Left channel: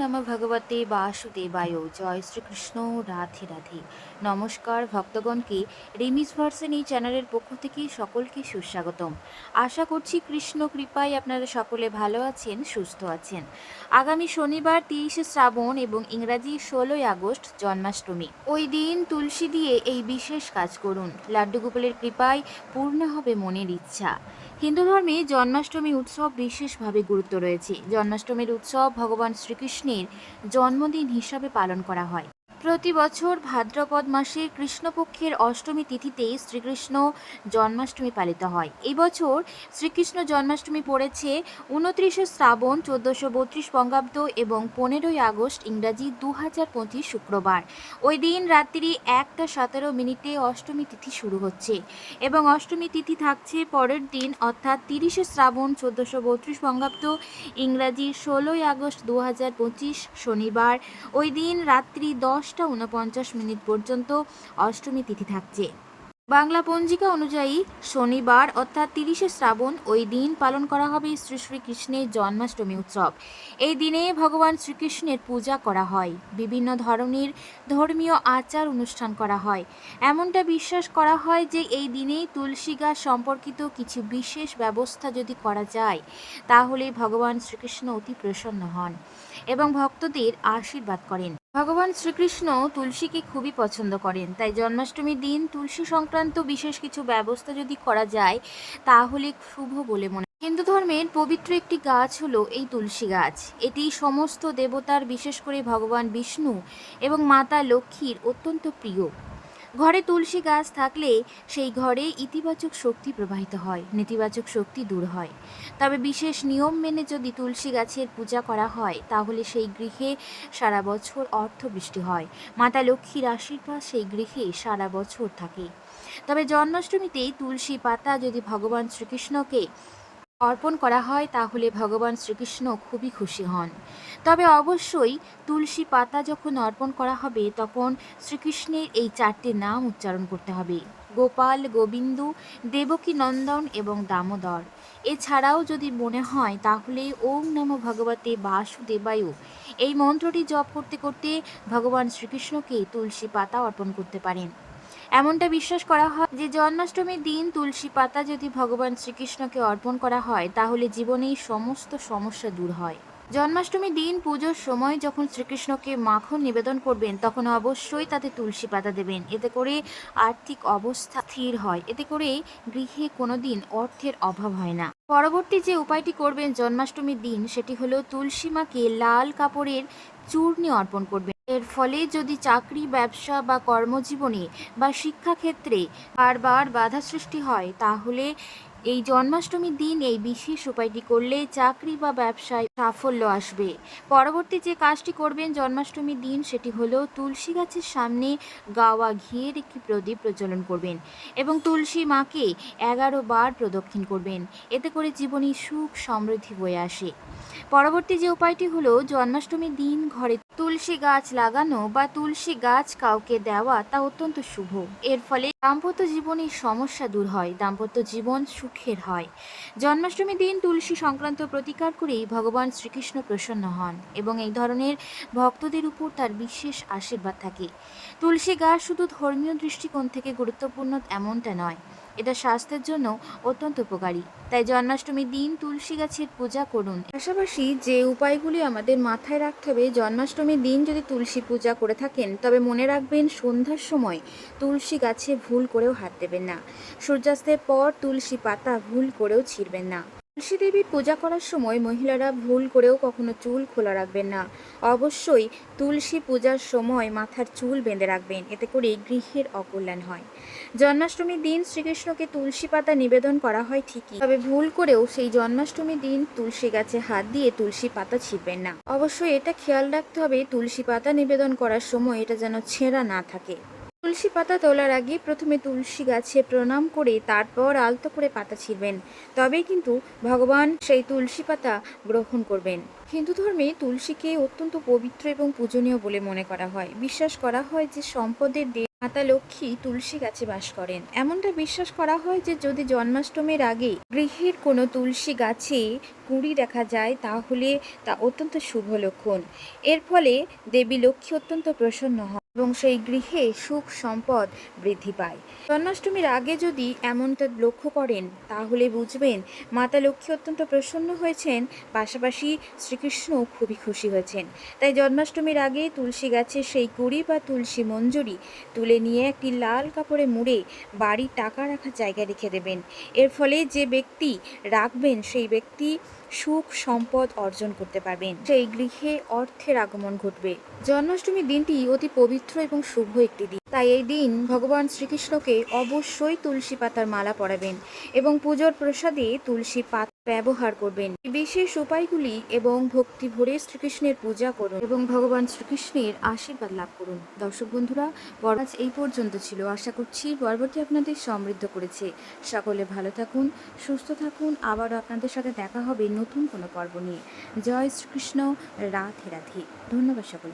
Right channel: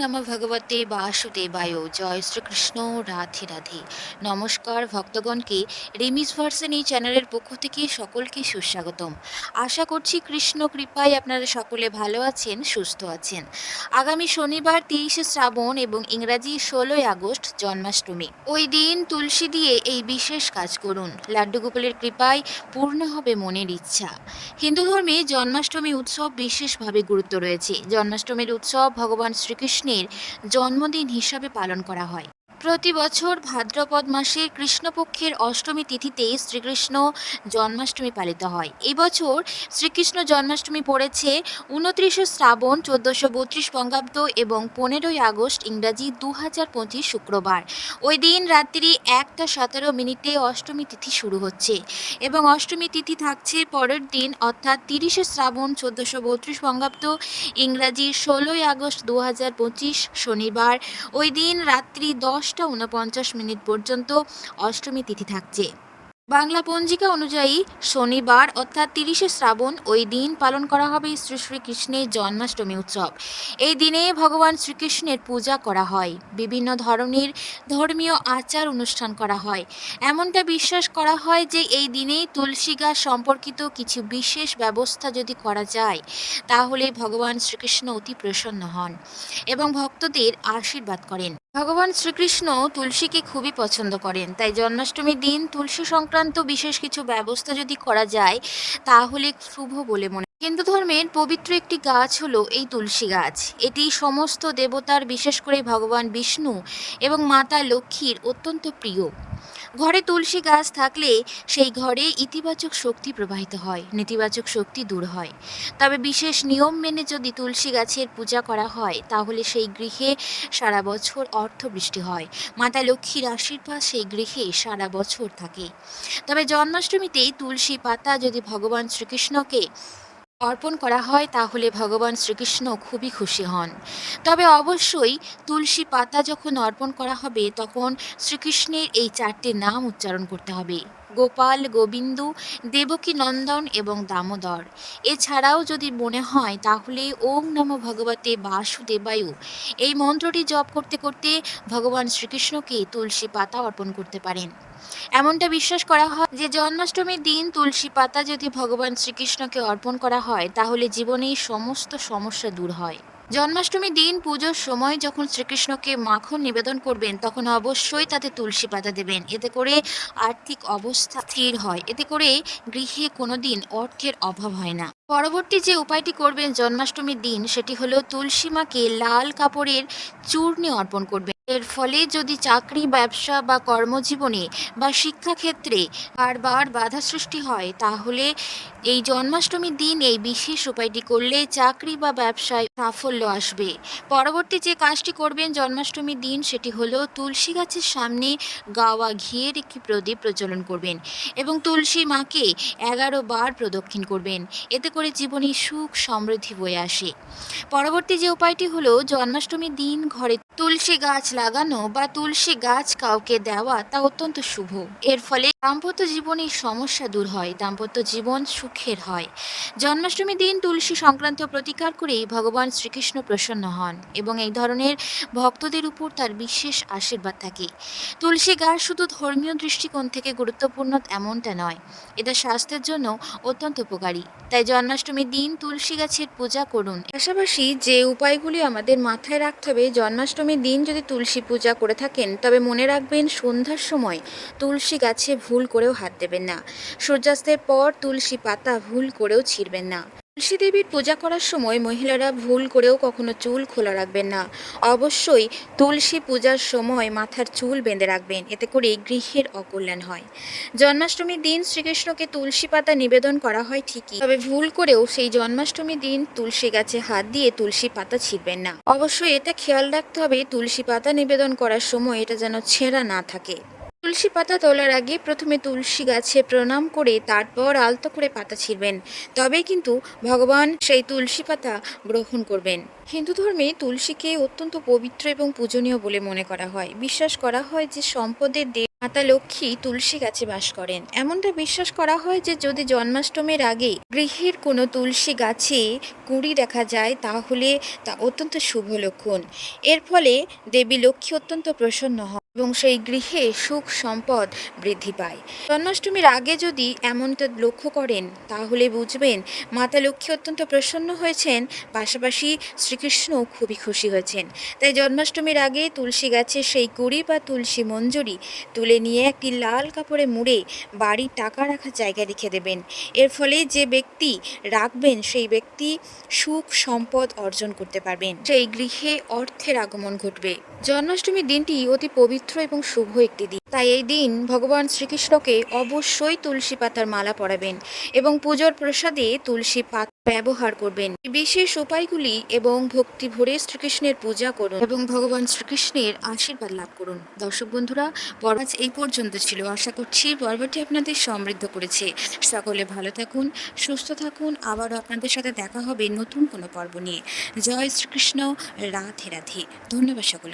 নম ভগবতে বাসুদেবায়। জয় শ্রীকৃষ্ণ, রাধে রাধে। নমস্কার ভক্তগণকে রিমিস ভার্সন এই চ্যানেলের পক্ষ থেকে সকলকে সুস্বাগতম। আশা করছি কৃষ্ণ কৃপায় আপনারা সকলে ভালো আছেন, সুস্থ আছেন। আগামী শনিবার তেইশে শ্রাবণ এবং ইংরাজি ষোলোই আগস্ট জন্মাষ্টমী। ওই দিন তুলসী দিয়ে এই বিশেষ কাজ করুন। লাড্ডু গোপালের কৃপায় পূর্ণ হবে মনের ইচ্ছা। হিন্দু ধর্মে জন্মাষ্টমী উৎসব বিশেষভাবে গুরুত্ব রয়েছে। জন্মাষ্টমীর উৎসব ভগবান শ্রীকৃষ্ণের জন্মদিন হিসাবে পালন করা হয়। প্রতি বছর ভাদ্রপদ মাসে কৃষ্ণপক্ষের অষ্টমী তিথিতে শ্রীকৃষ্ণ জন্মাষ্টমী পালিত হয়। এবছর শ্রীকৃষ্ণ জন্মাষ্টমী পড়েছে উনত্রিশে শ্রাবণ, চোদ্দোশো বত্রিশ বঙ্গাব্দ এবং পনেরোই আগস্ট ইংরাজি দু হাজার পঁচিশ শুক্রবার। ওই দিন রাত্রি একটা সতেরো মিনিটে অষ্টমী তিথি শুরু হচ্ছে এবং অষ্টমী তিথি থাকছে পরের দিন, অর্থাৎ তিরিশে শ্রাবণ, চোদ্দোশো বত্রিশ বঙ্গাব্দ ইংরাজি ষোলোই আগস্ট দু হাজার পঁচিশ শনিবার। ওই দিন রাত্রি দশটা উনপঞ্চাশ মিনিট পর্যন্ত অষ্টমী তিথি থাকছে। বাংলা পঞ্জিকা অনুযায়ী শনিবার অর্থাৎ তিরিশে শ্রাবণ ওই দিন পালন করা হবে শ্রী শ্রীকৃষ্ণের জন্মাষ্টমী উৎসব। এই দিনে ভগবান শ্রীকৃষ্ণের পূজা করা হয়। বিভিন্ন ধরনের ধর্মীয় আচার অনুষ্ঠান করা হয়। এমনটা বিশ্বাস করা হয় যে এই দিনেই তুলসী গাছ সম্পর্কিত কিছু বিশেষ ব্যবস্থা যদি করা যায়, তাহলে ভগবান শ্রীকৃষ্ণ অতি প্রসন্ন হন এবং ভক্তদের আশীর্বাদ করেন। ভগবান শ্রীকৃষ্ণ তুলসীকে খুবই পছন্দ করেন, তাই জন্মাষ্টমীর দিন তুলসী সংক্রান্ত বিশেষ কিছু ব্যবস্থা যদি করা যায়, তাহলে শুভ বলে মনে হিন্দু ধর্মের পবিত্র একটি গাছ হলো এই তুলসী গাছ। এটি সমস্ত দেবতার, বিশেষ করে ভগবান বিষ্ণু এবং মাতা লক্ষ্মীর অত্যন্ত প্রিয়। ঘরে তুলসী গাছ থাকলে সেই ঘরে ইতিবাচক শক্তি প্রবাহিত হয়, নেতিবাচক শক্তি দূর হয়। তবে বিশেষ নিয়ম মেনে যদি তুলসী গাছের পূজা করা হয়, তাহলে সেই গৃহে সারা বছর অর্থ বৃষ্টি হয়। মাতা লক্ষ্মীর আশীর্বাদ সেই গৃহে সারা বছর থাকে। তবে জন্মাষ্টমীতেই তুলসী পাতা যদি ভগবান শ্রীকৃষ্ণকে অর্পণ করা হয় তাহলে ভগবান শ্রীকৃষ্ণ খুবই খুশি হন। তবে অবশ্যই তুলসী পাতা যখন অর্পণ করা হবে, তখন শ্রীকৃষ্ণের এই চারটি নাম উচ্চারণ করতে হবে। গোপাল, গোবিন্দু, দেবকী নন্দন এবং দামোদর। এছাড়াও যদি মনে হয়, তাহলে ওম নম ভগবতে বাসুদেবায়ু এই মন্ত্রটি জপ করতে করতে ভগবান শ্রীকৃষ্ণকে তুলসী পাতা অর্পণ করতে পারেন। এমনটা বিশ্বাস করা হয় যে জন্মাষ্টমীর দিন তুলসী পাতা যদি ভগবান শ্রীকৃষ্ণকে অর্পণ করা হয়, তাহলে জীবনের সমস্ত সমস্যা দূর হয়। জন্মাষ্টমীর দিন পুজোর সময় যখন শ্রীকৃষ্ণকে মাখন নিবেদন করবেন, তখন অবশ্যই তাতে তুলসী পাতা দেবেন। এতে করে আর্থিক অবস্থা স্থির হয়। এতে করে গৃহে কোনো দিন অর্থের অভাব হয় না। পরবর্তী যে উপায়টি করবেন জন্মাষ্টমীর দিন, সেটি হলো তুলসী মাকে লাল কাপড়ের চূর্ণি অর্পণ করবেন। এর ফলে যদি চাকরি ব্যবসা বা কর্মজীবনে বা শিক্ষাক্ষেত্রে বারবার বাধা সৃষ্টি হয় তাহলে এই জন্মাষ্টমীর দিন এই বিশেষ উপায়টি করলে চাকরি বা ব্যবসায় সাফল্য আসবে। পরবর্তী যে কাজটি করবেন জন্মাষ্টমীর দিন, সেটি হলো তুলসী গাছের সামনে গাওয়া ঘিয়ের একটি প্রদীপ প্রজ্বলন করবেন এবং তুলসী মাকে এগারো বার প্রদক্ষিণ করবেন। এতে করে জীবনে সুখ সমৃদ্ধি বয়ে আসে। পরবর্তী যে উপায়টি হলো জন্মাষ্টমীর দিন ঘরে তুলসী গাছ লাগানো বা তুলসী গাছ কাউকে দেওয়া তা অত্যন্ত শুভ। এর ফলে দাম্পত্য জীবনের সমস্যা দূর হয়, দাম্পত্য জীবন সুখের হয়। জন্মাষ্টমীর দিন তুলসী সংক্রান্ত প্রতিকার করেই ভগবান শ্রীকৃষ্ণ প্রসন্ন হন এবং এই ধরনের ভক্তদের উপর তার বিশেষ আশীর্বাদ থাকে। তুলসী গাছ শুধু ধর্মীয় দৃষ্টিকোণ থেকে গুরুত্বপূর্ণ এমনটা নয়, এটা স্বাস্থ্যের জন্য অত্যন্ত উপকারী। তাই জন্মাষ্টমীর দিন তুলসী গাছের পূজা করুন। পাশাপাশি যে উপায়গুলি আমাদের মাথায় রাখতে হবে, জন্মাষ্টমীর দিন যদি তুলসী পূজা করে থাকেন, তবে মনে রাখবেন সন্ধ্যার সময় তুলসী গাছে ভুল করেও হাত দেবেন না। সূর্যাস্তের পর তুলসী পাতা ভুল করেও ছিঁড়বেন না। তুলসী দেবীর পূজা করার সময় মহিলারা ভুল করেও কখনো চুল খোলা রাখবেন না। অবশ্যই তুলসী পূজার সময় মাথার চুল বেঁধে রাখবেন, এতে করে গৃহের অকল্যাণ হয়। জন্মাষ্টমীর দিন শ্রীকৃষ্ণকে তুলসী পাতা নিবেদন করা হয় ঠিকই, তবে ভুল করেও সেই জন্মাষ্টমীর দিন তুলসী গাছে হাত দিয়ে তুলসী পাতা ছিঁড়বেন না। অবশ্যই এটা খেয়াল রাখতে হবে, তুলসী পাতা নিবেদন করার সময় এটা যেন ছেঁড়া না থাকে। তুলসী পাতা তোলার আগে প্রথমে তুলসী গাছে প্রণাম করে তারপর আলতো করে পাতা ছিঁড়বেন। তবেই কিন্তু ভগবান সেই তুলসী পাতা গ্রহণ করবেন। হিন্দু ধর্মে তুলসীকে অত্যন্ত পবিত্র এবং পূজনীয় বলে মনে করা হয়। বিশ্বাস করা হয় যে সম্পদের দেব মাতা লক্ষ্মী তুলসী গাছে বাস করেন। এমনটা বিশ্বাস করা হয় যে যদি জন্মাষ্টমীর আগে গৃহের কোনো তুলসী গাছে কুঁড়ি দেখা যায়, তাহলে তা অত্যন্ত শুভ লক্ষণ। এর ফলে দেবী লক্ষ্মী অত্যন্ত প্রসন্ন হন। এবং সেই গৃহে সুখ সম্পদ বৃদ্ধি পায়। জন্মাষ্টমীর আগে যদি এমনটা লক্ষ্য করেন, তাহলে বুঝবেন মাতা লক্ষ্মী অত্যন্ত প্রসন্ন হয়েছেন, পাশাপাশি শ্রীকৃষ্ণ খুবই খুশি হয়েছেন। তাই জন্মাষ্টমীর আগে তুলসী গাছের সেই কুড়ি বা তুলসী মঞ্জুরি তুলে নিয়ে একটি লাল কাপড়ে মুড়ে বাড়ির টাকা রাখার জায়গায় রেখে দেবেন। এর ফলে যে ব্যক্তি রাখবেন, সেই ব্যক্তি সুখ সম্পদ অর্জন করতে পারবেন। সেই গৃহে অর্থের আগমন ঘটবে। জন্মাষ্টমীর দিনটি অতি পবিত্র এবং শুভ একটি দিন। তাই এই দিন ভগবান শ্রীকৃষ্ণকে অবশ্যই তুলসী পাতার মালা পরাবেন এবং পুজোর প্রসাদে তুলসী পাতা ব্যবহার করবেন। বিশেষ উপায়গুলি এবং ভক্তি ভরে শ্রীকৃষ্ণের পূজা করুন এবং ভগবান শ্রীকৃষ্ণের আশীর্বাদ লাভ করুন। দর্শক বন্ধুরা আজ এই পর্যন্ত ছিল। আশা করছি পর্বটি আপনাদের সমৃদ্ধ করেছে। সকলে ভালো থাকুন, সুস্থ থাকুন। আবারও আপনাদের সাথে দেখা হবে নতুন কোনো পর্ব নিয়ে। জয় শ্রীকৃষ্ণ। রাধে রাধে। ধন্যবাদ সকলকে।